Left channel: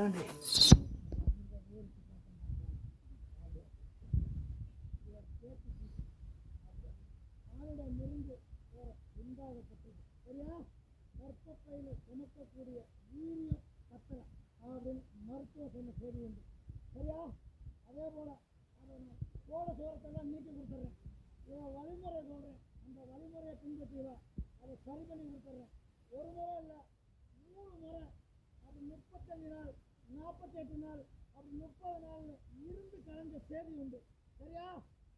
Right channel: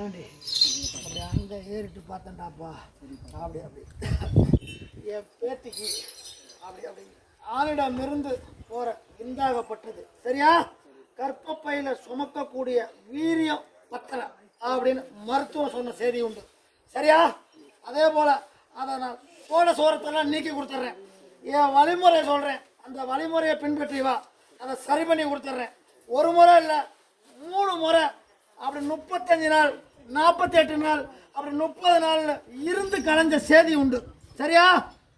ஏண்டி அப்படி அங்கே ஏறிட்டு பார்த்தேன்டாப்பா. அப்படி அப்படி என் பேத்திக்கு அப்படி அப்படி ஆணிடமிருந்து போகிற விந்தாகப்பட்டது. சரியா? கற்பப்பையில் சுமக்கக்கூடிய வீரியம் பத்தலை அப்படின்னு மருத்துவம் சொன்ன செய்தி உண்டு. சரியா? அதே போல் அதை நான் சோரத்தெல்லாம் நீக்கி கொடுத்துட்றேன். என் வழிமுறை சொல்கிறேன், அந்த வழிமுறையை பின்பற்றி வா, அதை சரி பண்ணி கொடுத்துட்றேன். ஒரு முறை இல்லை, 3 முறை, அப்படி 35 நாள், 48 நாள், அப்படி 30 நாள் இருந்து கலைஞ்ச செய்தி உண்டு. சரியா?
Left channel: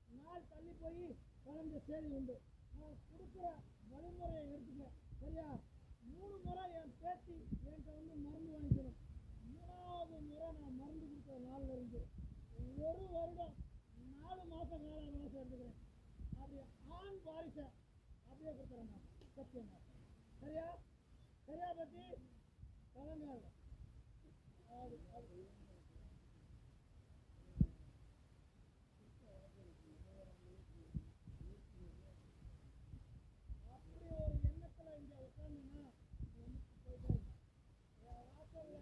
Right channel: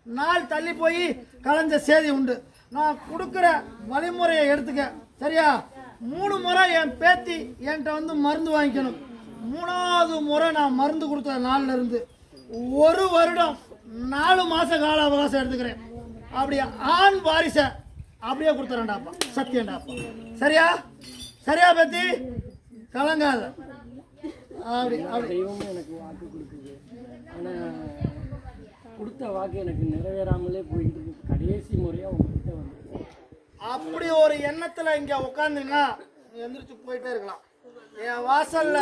நாள் தள்ளி போய் கலைஞ்ச செய்தி உண்டு. நான் கொடுக்குற வழிமுறையை எடுத்துக்க. சரியா? 3 முறை என் பேத்தி என்கிட்ட வந்து மருந்து வாங்கிக்கணும். 3வது முறை நான் மருந்து கொடுத்த நாள்ல இருந்து 1 வருடம் 4 மாச கால அவகாசம் எடுத்துக்கிறேன். அப்படியே ஆண் வாரிசை அப்படியே கொடுத்துறேன்டாப்பா, சத்தியம்டாப்பா. சரியா? சரியா பேத்தி? கலங்காத. அப்படி அப்படி தெய்வமும் எனக்கு வாக்கு கொடுக்குது. ஆனால் கொடுத்த வாக்கு எனக்கு நிறைவேறாமலே போயிட்டு இருக்கு. கடைசி முறையாக உங்ககிட்ட வந்து அப்படி ஒரு எண்ணத்தில் இங்கே உட்காந்துன்னா எந்திரிச்சு போயிட்டே இருக்கலாம். என் வாசல்ல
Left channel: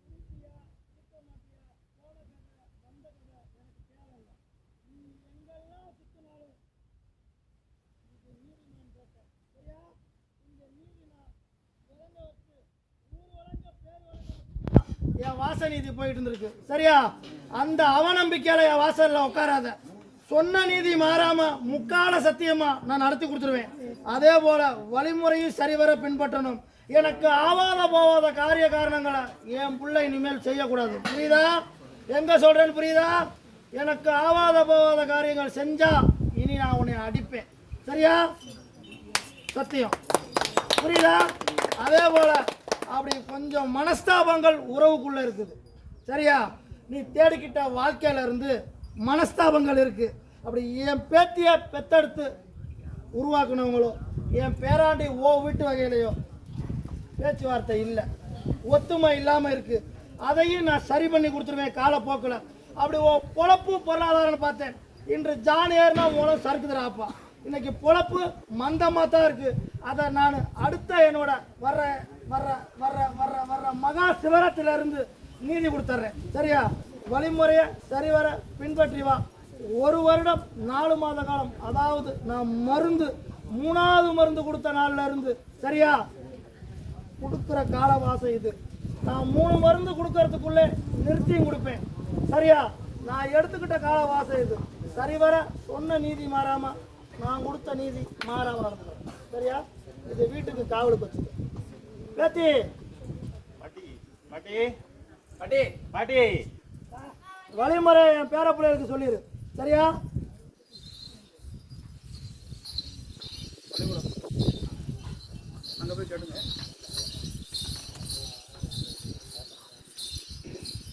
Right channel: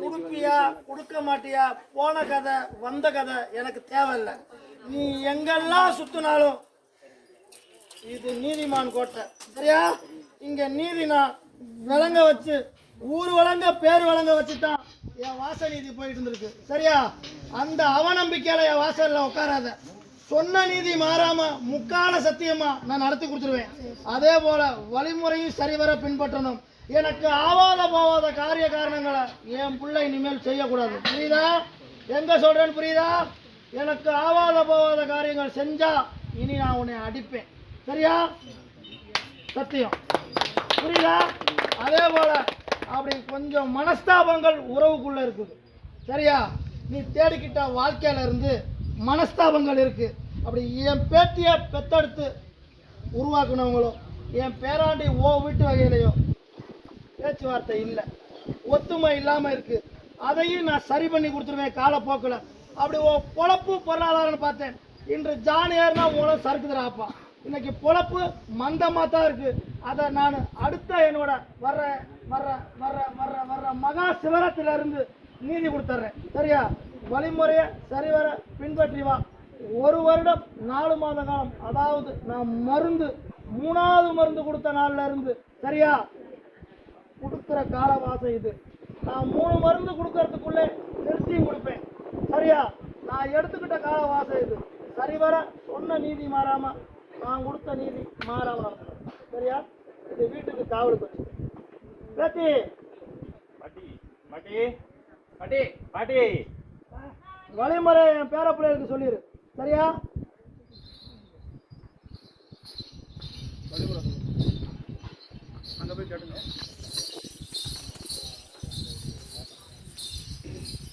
கொடுப்பியா கொடுக்க மாட்டியா, போன கதை வந்த கதை எனக்கு தேவையில்லை. நீ எங்கெல்லாம் சுத்தினாலும் இது நீதிமான் கோட்டை. சரியா? இங்க நீதி நான் விளங்க வச்சு, ஊர் வழங்க பேர் வழங்க வச்சுட்டான் என் வாச நீதி போயிட்டு இருந்திருக்கு. சரியா? அந்த அவநம்பிக்கையில என் வாசல்ல உட்காராத. சொன்ன நீதி மாறாம முக்கால சத்தியமா நான் நடத்தி கொடுத்துருவேன். அதே போல வழிமுறையும் சரிவர பின்பற்றணும். எனக்கு ஆவாத போவாத காரிய காரணங்களை என் பிள்ளை இனிமேல் செய்யக்கூடாது. புரியுதா? எங்க சொல்றேன்னு புரியுதா? எனக்கு ஆவாத போவாத காரியங்கள் செஞ்சா இனி நான் உன்னை அடிப்பேன். சரியா? சத்தியம். புரியுதா? அதே போல அப்படி கொஞ்சம் மனஸ்தாபங்கள் உறவுக்குள்ள இருக்குது. சரியா? நீ தேடிக்கிட்ட வாழ்க்கையில இருந்து மனஸ்தாபங்கள் இருக்கு. அப்படி என் பேத்தியை பெத்தெடுத்து உருவாக்குனவங்களோ, என் பேராண்டி வீட்டு வகையிலையோ பேச்சுவார்த்தை இல்லை, ஒத்துமை இல்லாமல் இருக்கு. அதையும் நான் சரி பண்ணி கொடுத்துருவேன் காலப்போக்கில். அப்படி பொழப்பு பொருளாதாரம்னு பார்த்தேன். இன்று ஜான் ஏறினா உனக்கு சறுக்குதுறாப்பா. இன்னைக்கு பொழப்பு மந்தமாக தான் இருக்கு. அதை நான் அடுத்த என்னோட வர்ற வர்ற வர்ற வர்ற வர்ற மகா சிவராத்திரிலிருந்து நீதி கொடுத்துட்றேன். சரியா? வழிமுறையை சரிவர பின்பற்றி வா. 1 வருடம் 4 மாத காலம், அதாவது நான் மருந்து 3வது மருந்து கொடுத்த நாள்ல இருந்து, சரியா, கொடுக்குற காலவாசம் இது. நான் 3 மருந்து கொடுக்கறதுக்குள்ளே நிறுத்தியும் கொடுப்பேன். சரியா? நான் எடுத்துக்கிட்ட காலவாசம் இது. சரிவர சொன்ன நீதி மாறாம நான் கொடுத்த நீதி மாறாம நடந்துக்கிறேன். சரியா? இது வீட்டுக்கு காவலுக்கு வச்சு பேத்தி பாட்டி பாட்டி பாட்டி பாட்டி வழிமுறை என் பேர பிள்ளைகளுக்கு சொல்லிடு. சரியா? அங்கே போய் கேட்டுங்க.